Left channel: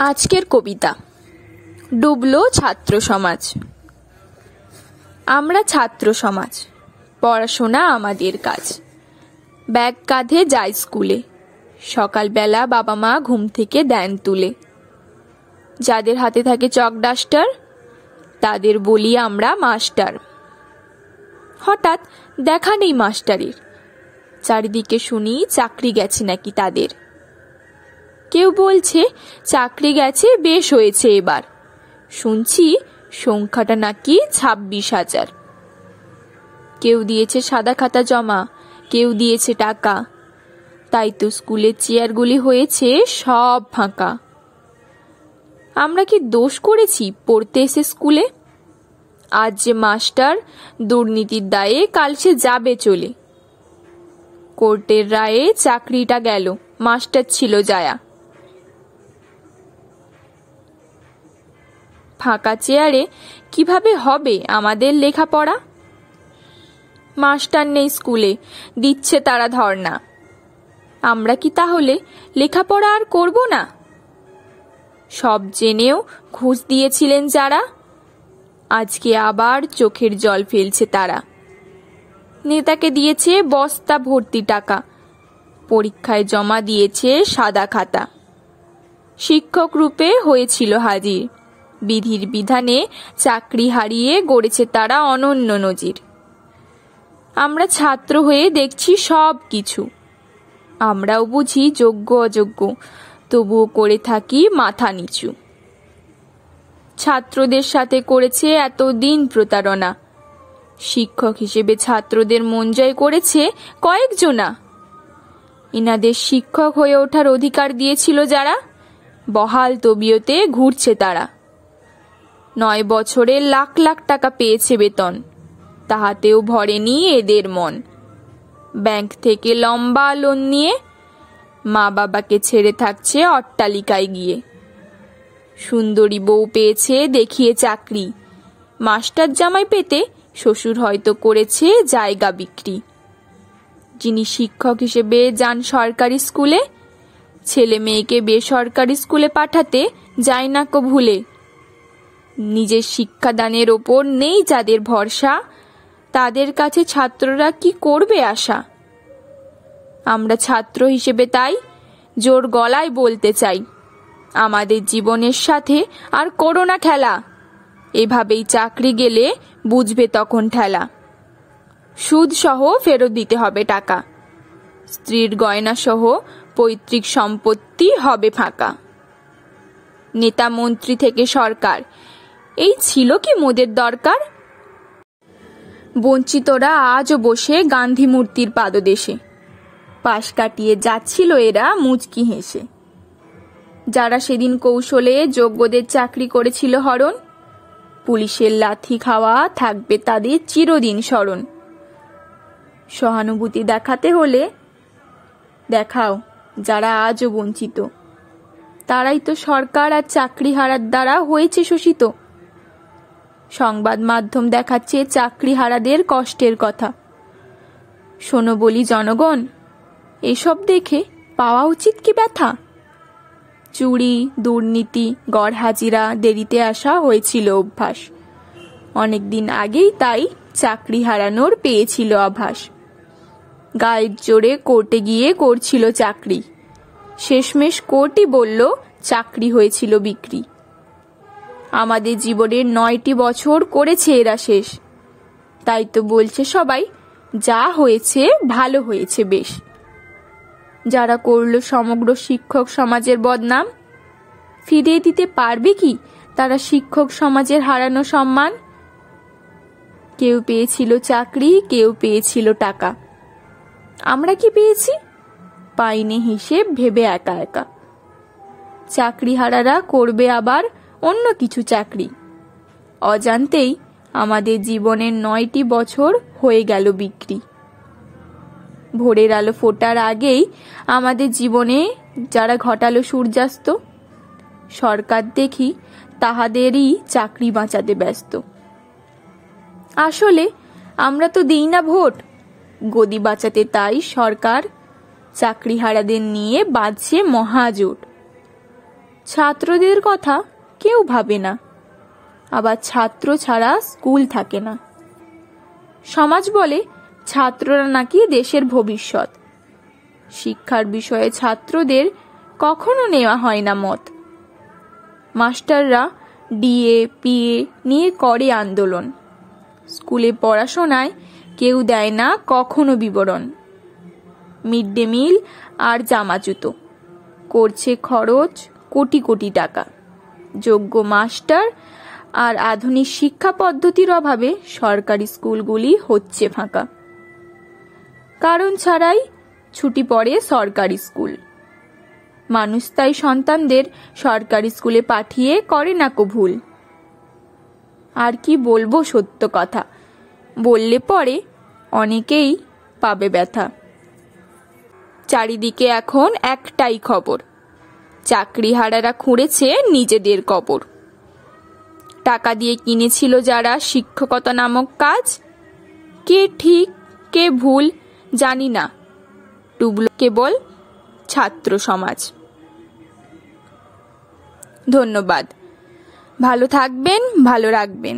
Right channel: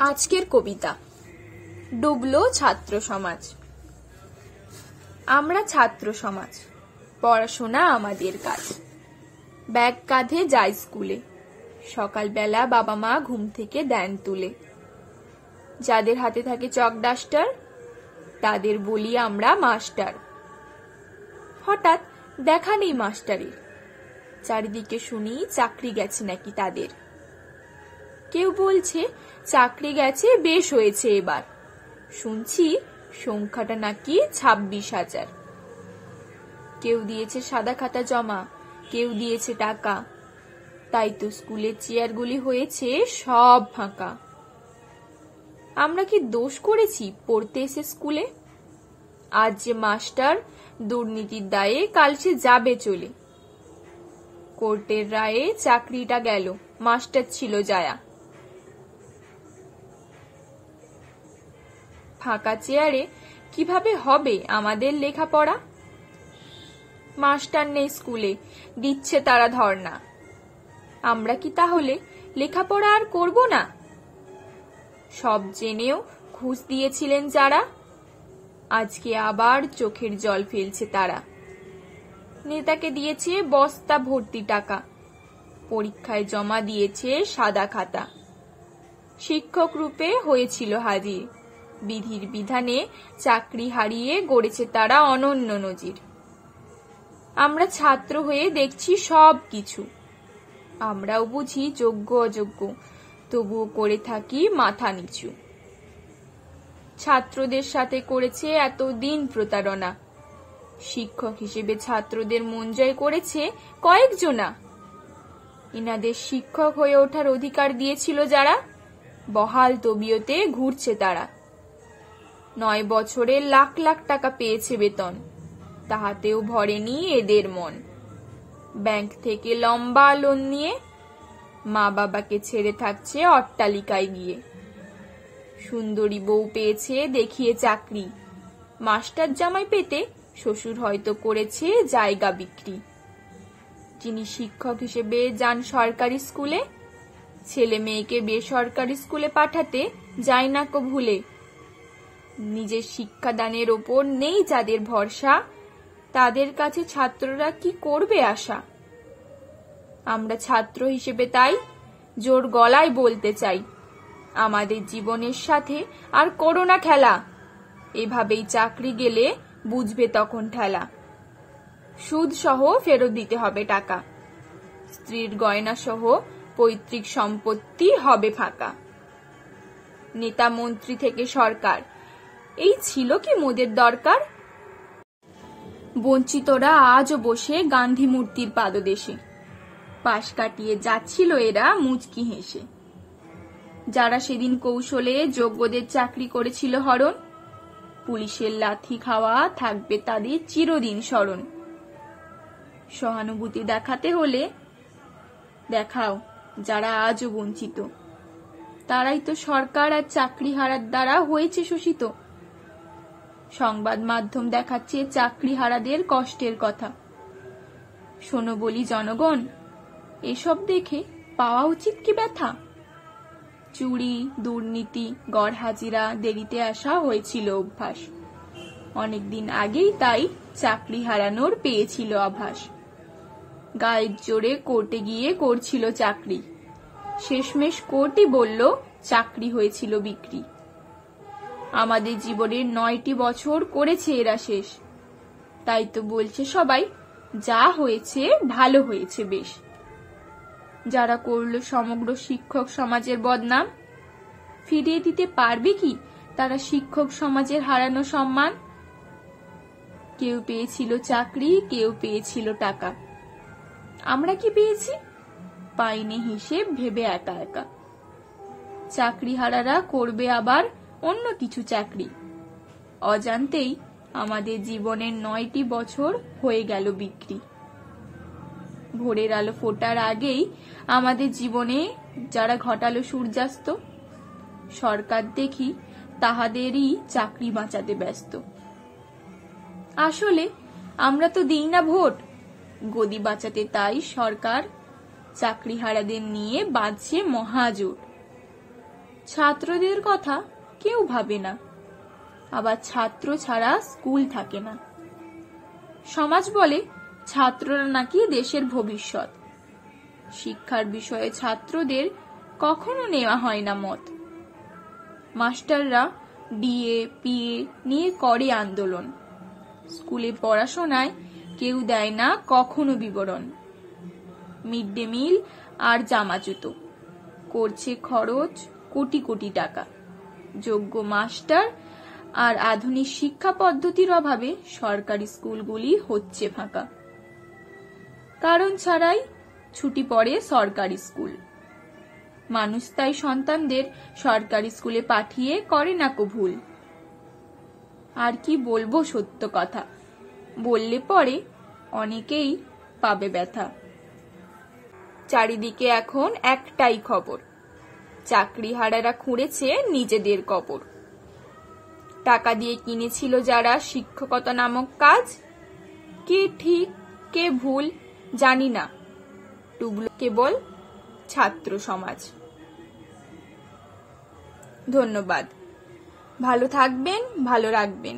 আজকের কবিতা ডুবলো ছাত্র সমাজ। আমরা ছাত্র সমাজ, পড়াশোনা আমাদের কাজ। ব্যাগ কাঁধে যাই স্কুলে, সকালবেলা বাবা মা ঘুম থেকে দেন তুলে। যাদের হাতে থাকে চক ডাস্টার, তাদের বলি আমরা মাস্টার। হঠাৎ দেখা নেই মাস্টারের, চারিদিকে শুনি চাকরি গেছে নাকি তাদের। কেউ বলছে চাকরি গেছে, বেশ হয়েছে এবার। শুনছি সংখ্যাটা নাকি 26,000। কেউ দিয়েছে সাদা খাতা জমা, কেউ দিয়েছে টাকা, তাই তো স্কুলের চেয়ারগুলি হয়েছে সব ফাঁকা। আমরা কি দোষ করেছি পড়তে এসে স্কুলে? আজ যে মাস্টার দুর্নীতির দায়ে, কাল সে যাবে চলে। কোর্টের রায়ে চাকরিটা গেল, মাস্টার ছিল যায়া। ফাঁকা চেয়ারে কিভাবে হবে আমাদের লেখাপড়া? মাস্টার নেই স্কুলে, দিচ্ছে তারা ধর্ণা। আমরা কি তাহলে লেখাপড়া আর করব না? সব জেনেও ঘুষ দিয়েছিলেন যারা, আজকে আবার চোখের জল ফেলছে তারা। নেতাকে দিয়েছে বস্তা ভর্তি টাকা, পরীক্ষায় জমা দিয়েছে সাদা খাতা। শিক্ষক রূপে হয়েছিল হাজির, বিধির বিধানে চাকরি হারিয়ে গড়েছে তারা অনন্য নজির। আমরা ছাত্র হয়ে দেখছি সব কিছু, আমরাও বুঝি যোগ্য অযোগ্য, তবুও করে থাকি মাথা নিচু। ছাত্রদের সাথে করেছে এতদিন প্রতারণা, শিক্ষক হিসেবে ছাত্রদের মন জয় করেছে কয়েকজনা। ইনাদের শিক্ষক হয়ে ওঠার অধিকার দিয়েছিল যারা, বহাল তবিয়তে ঘুরছে তারা। 9 বছরে লাখ লাখ টাকা পেয়েছে বেতন, তাহাতেও ভরেনি এদের মন। ব্যাংক থেকে লম্বা লোন নিয়ে মা বাবাকে ছেড়ে থাকছে অট্টালিকায় গিয়ে। সুন্দরী বউ পেয়েছে দেখিয়ে চাকরি, মাস্টার জামাই পেতে শ্বশুর হয়তো করেছে জায়গা বিক্রি। যিনি শিক্ষক হিসেবে যান সরকারি স্কুলে, ছেলে মেয়েকে বেসরকারি স্কুলে পাঠাতে যায় না কো ভুলে। নিজের শিক্ষাদানের ওপর নেই যাদের ভরসা, তাদের কাছে ছাত্ররা কি করবে আশা? আমরা ছাত্র হিসেবে তাই জোর গলায় বলতে চাই, আমাদের জীবনের সাথে আর করো না খেলা। এভাবেই চাকরি গেলে বুঝবে তখন ঠেলা। সুদ সহ ফেরত দিতে হবে টাকা, স্ত্রীর গয়না সহ পৈতৃক সম্পত্তি হবে ফাঁকা। নেতা মন্ত্রী থেকে সরকার, এই ছিল কি মোদের দরকার? বঞ্চিতরা আজও বসে গান্ধী মূর্তির পাদদেশে, পাশ কাটিয়ে যাচ্ছিল এরা মুচকি হেসে। যারা সেদিন কৌশলে যোগ্যদের চাকরি করেছিল হরণ, পুলিশের লাথি খাওয়া থাকবে তাদের চিরদিন স্মরণ। সহানুভূতি দেখাতে হলে দেখাও যারা আজও বঞ্চিত, তারাই তো সরকার আর চাকরি হারার দ্বারা হয়েছে শোষিত। সংবাদ মাধ্যম দেখাচ্ছে চাকরি হারাদের কষ্টের কথা। শোনো বলি জনগণ, এসব দেখে পাওয়া উচিত কি ব্যথা? চুরি, দুর্নীতি, গড় হাজিরা, দেরিতে আসা হয়েছিল অভ্যাস। অনেকদিন আগেই তাই চাকরি হারানোর পেয়েছিল আভাস। গায়ের জোরে কোর্টে গিয়ে করছিল চাকরি, শেষমেশ কোর্টই বলল চাকরি হয়েছিল বিক্রি। আমাদের জীবনের 9টি বছর করেছে এরা শেষ, তাই তো বলছে সবাই যা হয়েছে ভালো হয়েছে বেশ। যারা করলো সমগ্র শিক্ষক সমাজের বদনাম, ফিরিয়ে দিতে পারবে কি তারা শিক্ষক সমাজের হারানো সম্মান? কেউ পেয়েছিল চাকরি, কেউ পেয়েছিল টাকা, আমরা কি পেয়েছি? পাইনি হিসেব ভেবে একা একা। চাকরি হারারা করবে আবার অন্য কিছু চাকরি, অজান্তেই আমাদের জীবনের 9টি বছর হয়ে গেল বিক্রি। ভোরের আলো ফোটার আগেই আমাদের জীবনে যারা ঘটালো সূর্যাস্ত, সরকার দেখি তাহাদেরই চাকরি বাঁচাতে ব্যস্ত। আসলে আমরা তো দিই না ভোট, গদি বাঁচাতে তাই সরকার চাকরি হারাদের নিয়ে বাঁধছে মহাজোট। ছাত্রদের কথা কেউ ভাবে না, আবার ছাত্র ছাড়া স্কুল থাকে না। সমাজ বলে ছাত্ররা নাকি দেশের ভবিষ্যৎ। শিক্ষার বিষয়ে ছাত্রদের কখনো নেওয়া হয় না মত। মাস্টাররা ডিএ পিএ নিয়ে করে আন্দোলন। স্কুলে পড়াশোনায় কেউ দেয় না কখনো বিবরণ। মিড ডে মিল আর জামা জুতো করছে খরচ কোটি কোটি টাকা। যোগ্য মাস্টার আর আধুনিক শিক্ষা পদ্ধতির অভাবে সরকারি স্কুলগুলি হচ্ছে ফাঁকা। কারণ ছাড়াই ছুটি পড়ে সরকারি স্কুল। মানুষ তাই সন্তানদের সরকারি স্কুলে পাঠিয়ে করে না কো ভুল। আর কি বলবো সত্য কথা, বললে পরে অনেকেই পাবে ব্যথা। চারিদিকে এখন একটাই খবর, চাকরিহারারা খুঁড়েছে নিজেদের কবর। টাকা দিয়ে কিনেছিল যারা শিক্ষকতা নামক কাজ, কে ঠিক কে ভুল জানি না, ডুবল কেবল ছাত্র সমাজ। ধন্যবাদ। ভালো থাকবেন, ভালো রাখবেন।